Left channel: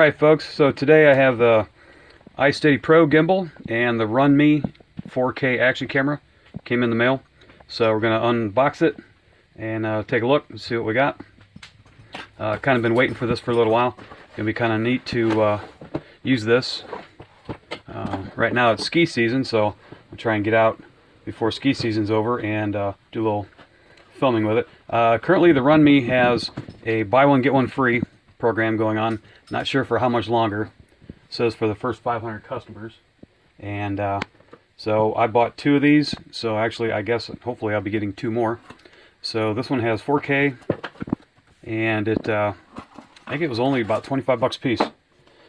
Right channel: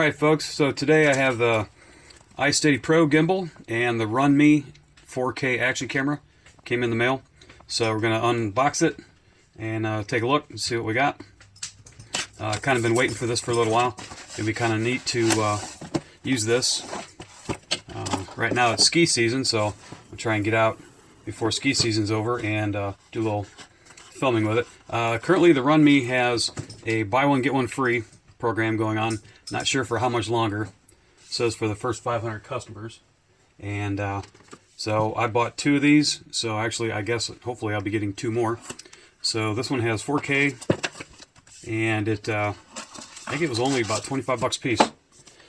Alright folks, so today I have the iSteady Pro gimbal and the RunMe 4K action camera. Came in the mail. So we're going to unbox it and take a look and see what we got. Kind of been waiting for this for a little while. It'll be kind of neat to use this. Right now it's ski season, so I'll try and get out before ski season's over and do a little filming with it. Currently the RunMe has a buy one get one free program going on. Not sure for how much longer. It says for the first 500 customers. And so I bought 2 of these. So actually I guess hopefully I'll be getting 2 more. So this one has 4K and it I think it was only about 25 bucks a piece.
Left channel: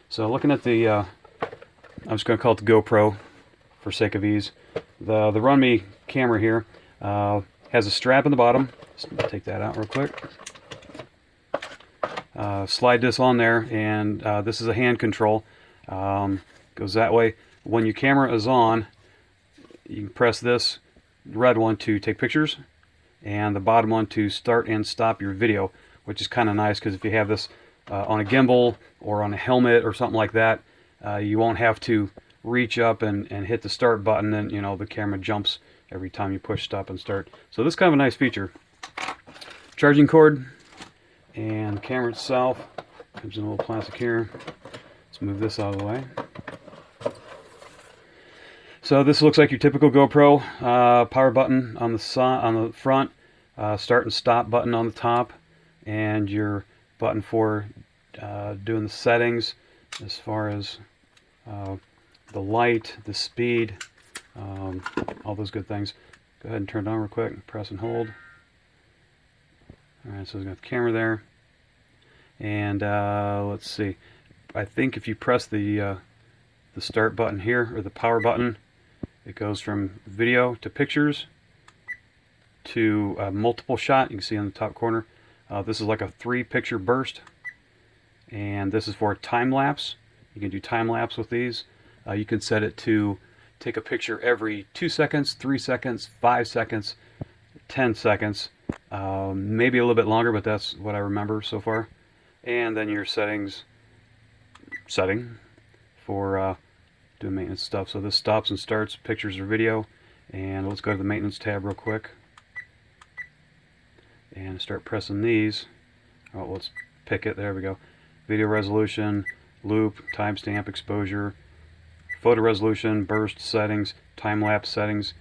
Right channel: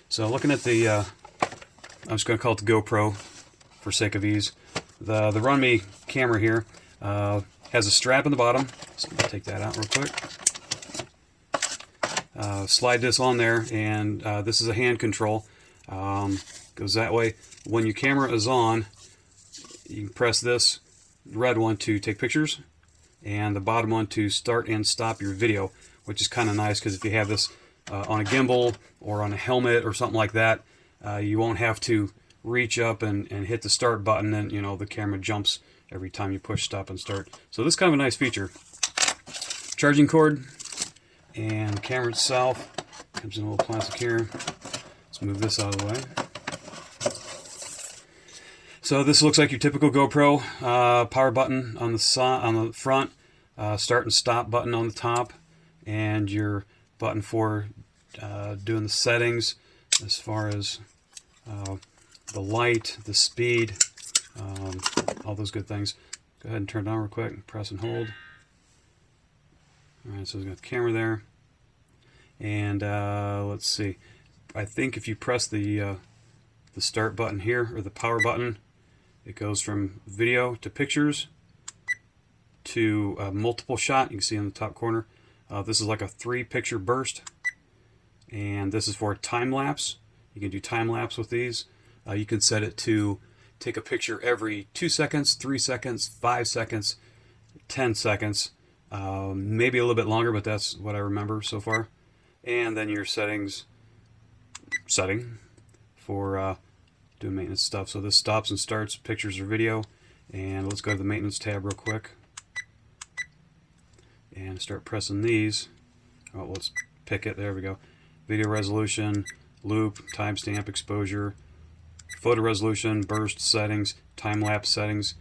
So looking at the I'm just going to call it the GoPro for sake of ease. The RunMe camera here has a strap in the bottom. Let's take that out real quick. Slide this on there, and this is a hand control. Goes that way. When your camera is on, you can press this red one to take pictures, and the bottom one to start and stop your video, which is kind of nice because if you have this on a gimbal or on a helmet or something like that, you won't have to reach up and hit the start button, and you know the camera jumps every time you push stop and start. So this is kind of a nice feature. Charging cord. And the camera itself comes in a little plastic here. Let's move this out of the way. So this looks like your typical GoPro. Power button on the front, start and stop button on the top, and your button for doing the settings as far as the light, the speed, all those good things. Go ahead and turn it on real quick. Press and hold. Alright, so we've got the camera there, and let's see, I think if you press the start button here, or the power button, it goes from video to pictures to multiple shot. You can see on the top corner, this is like a 3-picture burst, and this is for time lapse. You can do time lapse with these. You can set it to take a picture every 2 seconds, 3 seconds, 5 seconds, 10 seconds. Maybe a little bit longer, but that's what I remember so far. And then your setting for doing maintenance stuff. So this stops and starts pictures or video. And let's go to the maintenance tab real quick and start pressing these. Oh, let's pick it. There we go. Video resolution, loop, timestamp, exposure, photo resolution, burst settings, time lapse settings,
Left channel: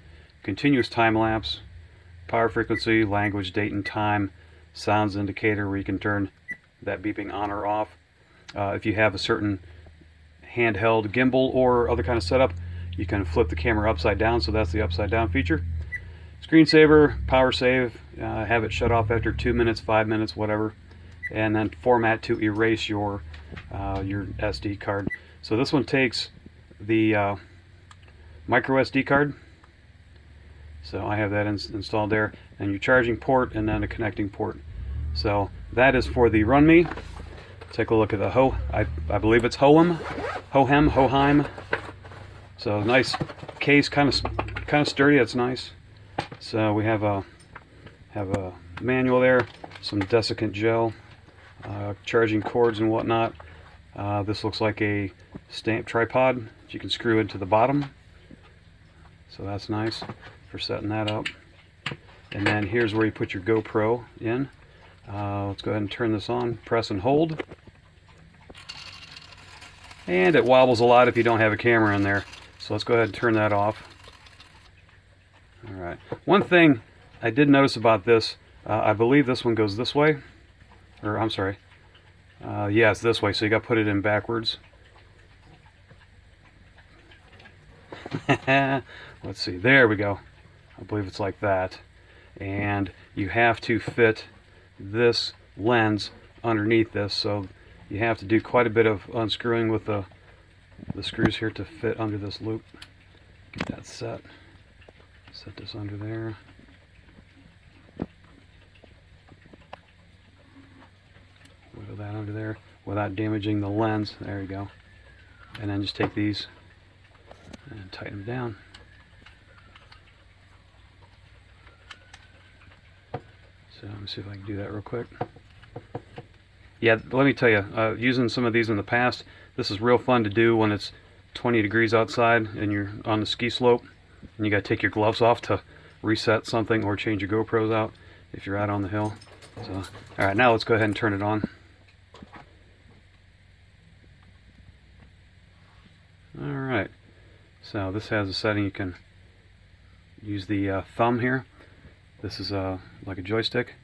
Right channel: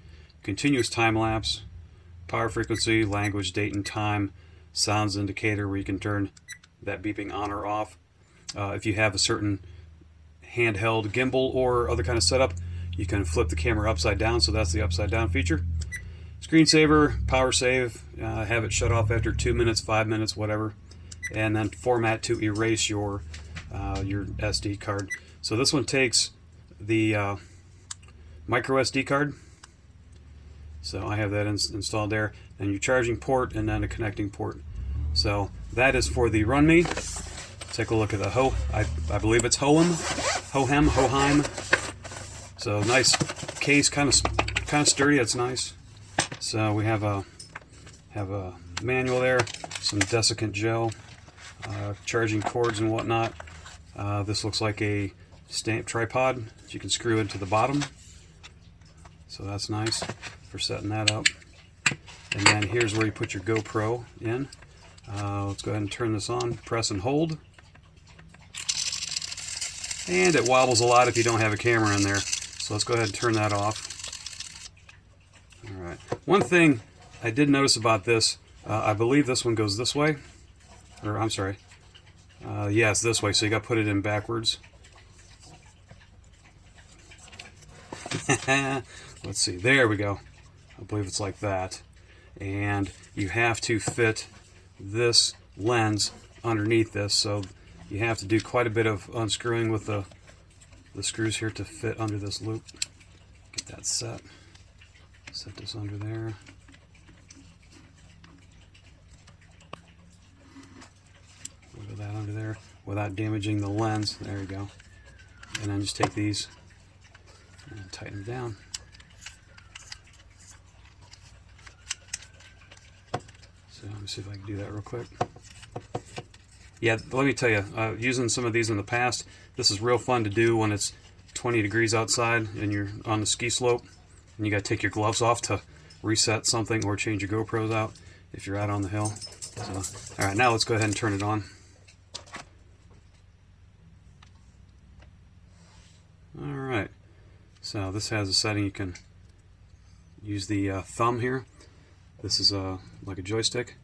continuous time lapse, power frequency, language, date and time, sounds indicator where you can turn that beeping on or off. If you have a certain handheld gimbal or other kind of setup, you kind of flip the camera upside down, so that's the upside down feature. Screensaver, power save, have it shut off after 2 minutes, 5 minutes, whatever, and then format to erase your SD card. So this one takes the micro SD card. So I have that installed there, and your charging port, and then a connecting port. So that is for the RunMe. Take a look at the I believe it's Hohem. So nice case, kind of sturdy. That's nice. So we have a manual there, some desiccant gel, charging cords and whatnot. This looks like a stamp tripod that you can screw into the bottom. So that's nice for setting that up. And then here's where you put your GoPro in. Let's go ahead and turn this on, press and hold. And it wobbles a lot if you don't have a camera in there. So let's go ahead and turn that off. Alright. One thing I did notice about this, I believe this one goes this way. Or, I'm sorry. Yeah, it's this way, so you got to put it in backwards. Let's see, there we go. I believe it's like that. And you have to fit this lens underneath this, so you have to do quite a bit of unscrewing with the screws here to fit under this loop. Get that set. Set this under there. Wiggle that under there without damaging the lens. There you go. And then just take these and tighten them down. So let me see if I can do that real quick. Yeah, let me tell you, using some of these in the past, this is real fun to do when it's 20 degrees outside and you're on the ski slope and you got to take your gloves off to reset something or change your GoPros out if you're out on the hill. So, all right, now let's go ahead and turn it on. All right, so this has a setting you can use the thumb here. This is like a joystick.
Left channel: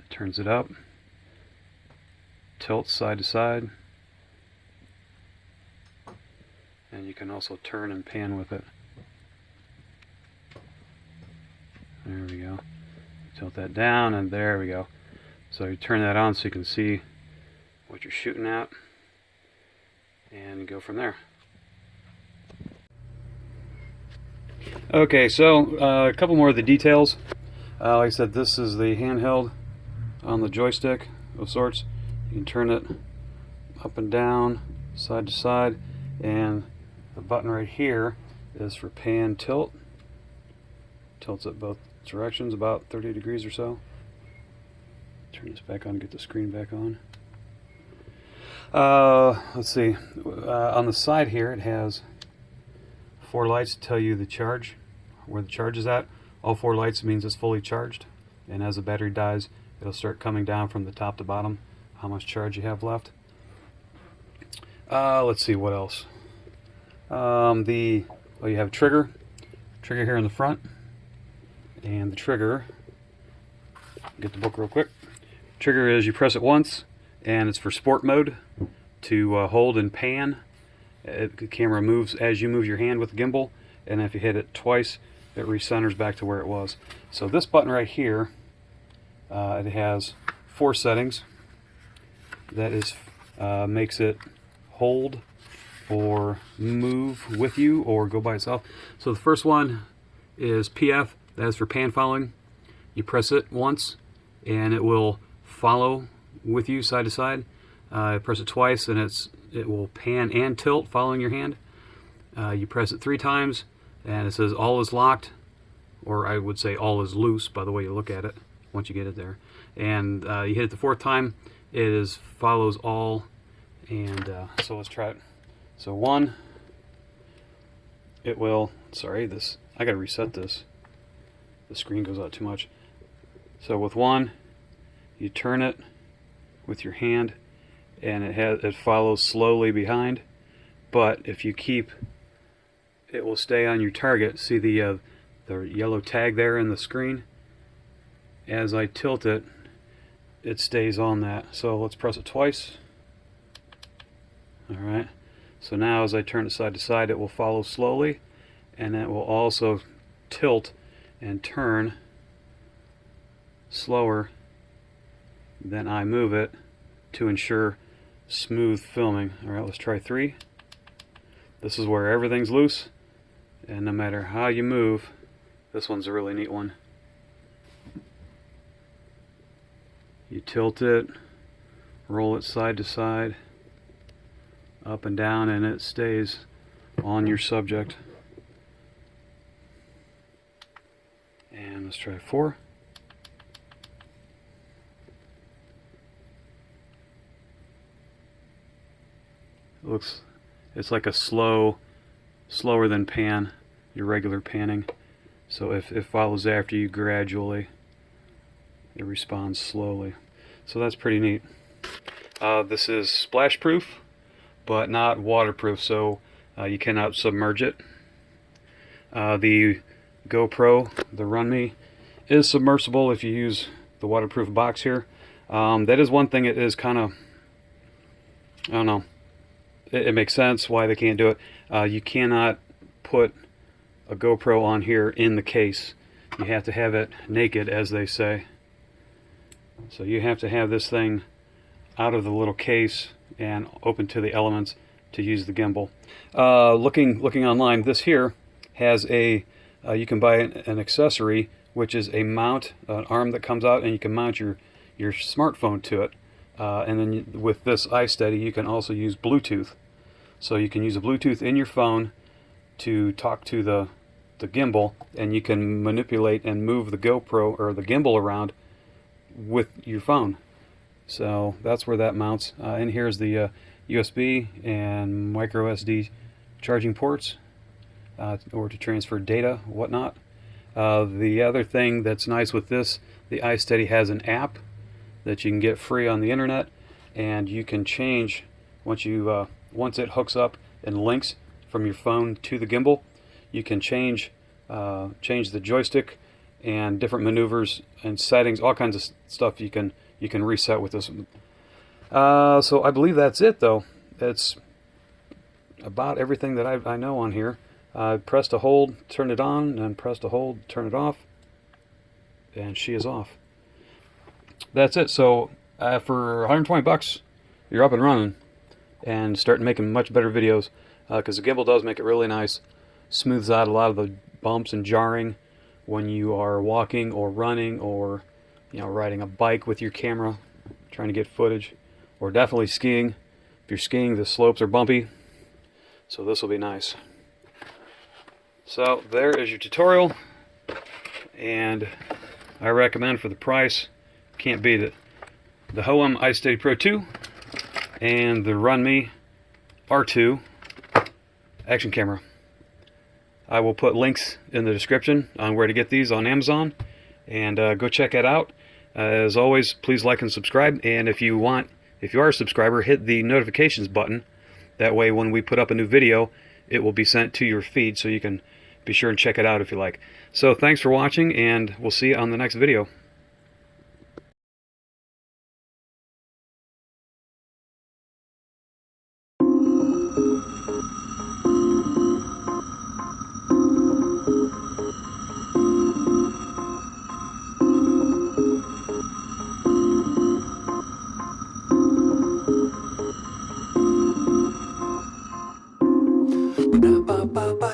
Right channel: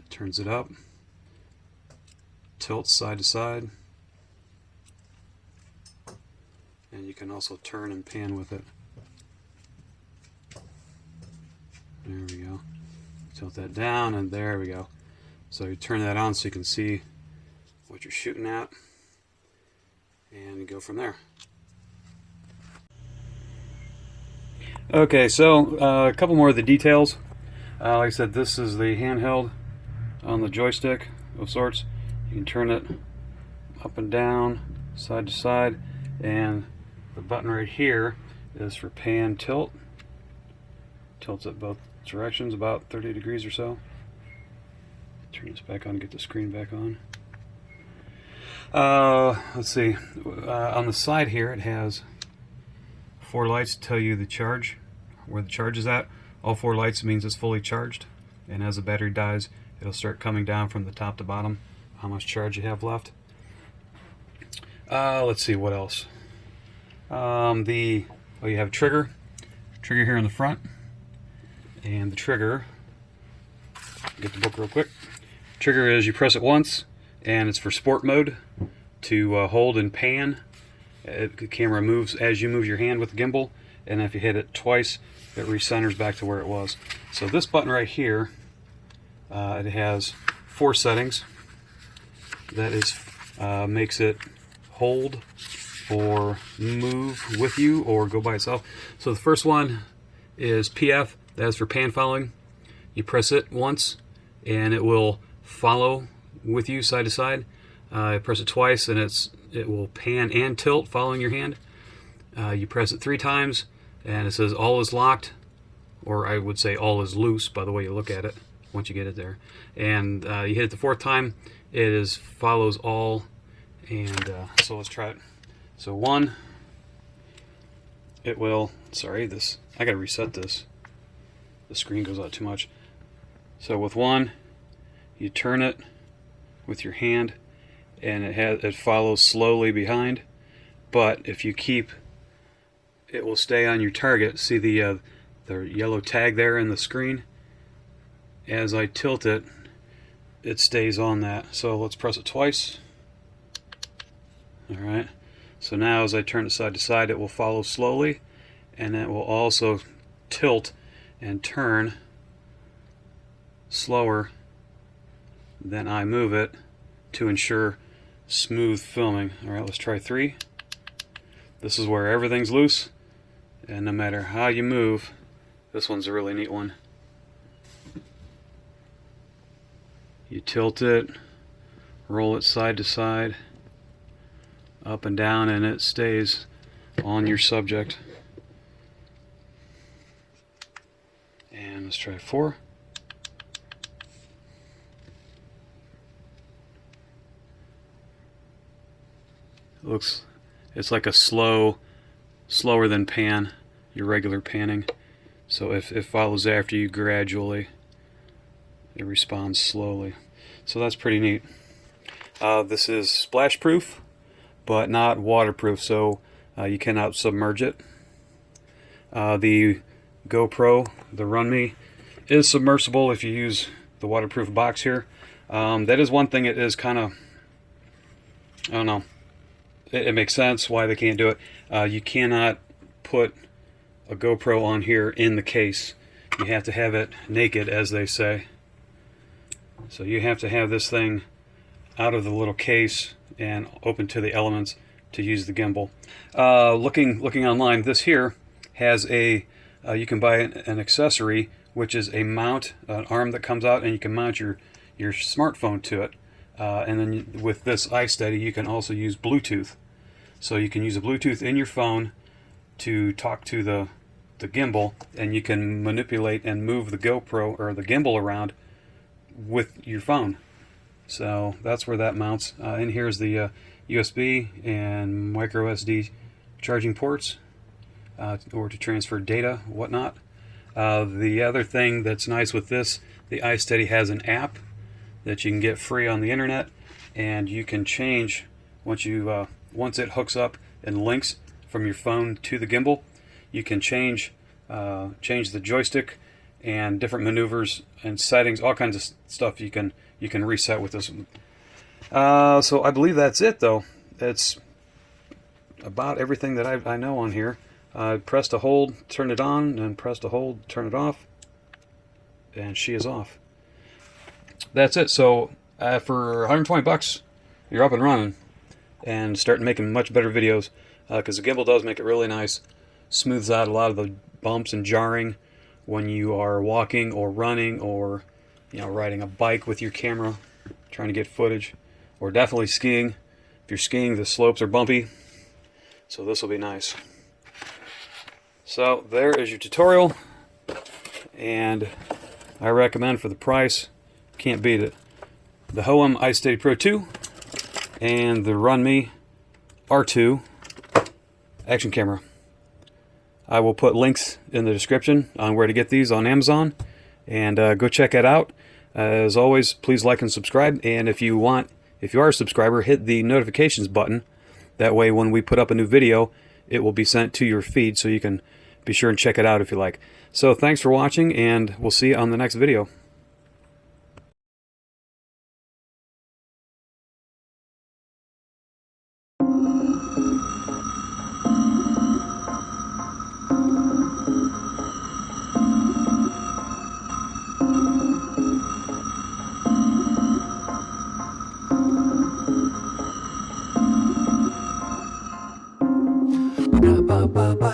It turns it up, tilts side to side, and you can also turn and pan with it. There we go. Tilt that down, and there we go. So you turn that on so you can see what you're shooting at, and you go from there. Okay, so a couple more of the details. Like I said, this is the handheld on the joystick of sorts. You can turn it up and down, side to side, and the button right here is for pan tilt. Tilts it both directions, about 30 degrees or so. Turn this back on, get the screen back on. Let's see. On the side here, it has 4 lights to tell you the charge, where the charge is at. All 4 lights means it's fully charged, and as the battery dies, it'll start coming down from the top to bottom, how much charge you have left. Let's see what else. You have a trigger here in the front, and the trigger, get the book real quick. Trigger is you press it once, and it's for sport mode, to hold and pan. The camera moves as you move your hand with the gimbal, and if you hit it twice, it recenters back to where it was. So this button right here, it has 4 settings. That is makes it hold or move with you or go by itself. So the first one is PF, that's for pan following. You press it once and it will follow with you side to side. Press it twice and it will pan and tilt following your hand. You press it 3 times and it says all is locked, or I would say all is loose by the way you look at it once you get it there. And you hit it the 4th time, it follows all. And so let's try it. So 1, it will, sorry, I gotta reset this. The screen goes out too much. So with 1, you turn it with your hand, and it follows slowly behind. But if you keep, it will stay on your target. See the yellow tag there in the screen? As I tilt it, it stays on that. So let's press it twice. All right. So now as I turn it side to side, it will follow slowly, and it will also tilt and turn slower than I move it to ensure smooth filming. All right, let's try 3. This is where everything's loose, and no matter how you move, this one's a really neat one. You tilt it, roll it side to side, up and down, and it stays on your subject. And let's try 4. It's like a slower than pan, your regular panning. So if it follows after you gradually, it responds slowly. So that's pretty neat. This is splash proof, but not waterproof, so you cannot submerge it. The GoPro, the RunMe, is submersible if you use the waterproof box here. That is one thing. It is kind of, I don't know, it makes sense why they can't do it. You cannot put a GoPro on here in the case. You have to have it naked, as they say. So you have to have this thing out of the little case and open to the elements to use the gimbal. Looking online, this here has a you can buy an accessory, which is a mount, an arm that comes out, and you can mount your smartphone to it. And then with this iSteady, you can also use Bluetooth. So you can use a Bluetooth in your phone to talk to the gimbal, and you can manipulate and move the GoPro or the gimbal around with your phone. So that's where that mounts. In here is the USB and micro SD charging ports, or to transfer data, whatnot. The other thing that's nice with this, the iSteady has an app that you can get free on the internet, and you can change once it hooks up and links from your phone to the gimbal. You can change the joystick and different maneuvers and settings, all kinds of stuff you can reset with this one. So I believe that's it, though. It's about everything that I know on here. Press to hold, turn it on, and press to hold, turn it off, and she is off. That's it. So for 120 bucks, you're up and running and start making much better videos, because the gimbal does make it really nice. Smooths out a lot of the bumps and jarring when you are walking or running, or riding a bike with your camera trying to get footage, or definitely skiing. If you're skiing, the slopes are bumpy, so this will be nice. So there is your tutorial, and I recommend, for the price, can't beat it, the Hohem iSteady Pro 2 and the RunMe R2 action camera. I will put links in the description on where to get these on Amazon, and go check it out. As always, please like and subscribe, and if you are a subscriber, hit the notifications button. That way when we put up a new video, it will be sent to your feed, so you can be sure and check it out if you like. So thanks for watching, and we'll see you on the next video. Ba ba ba.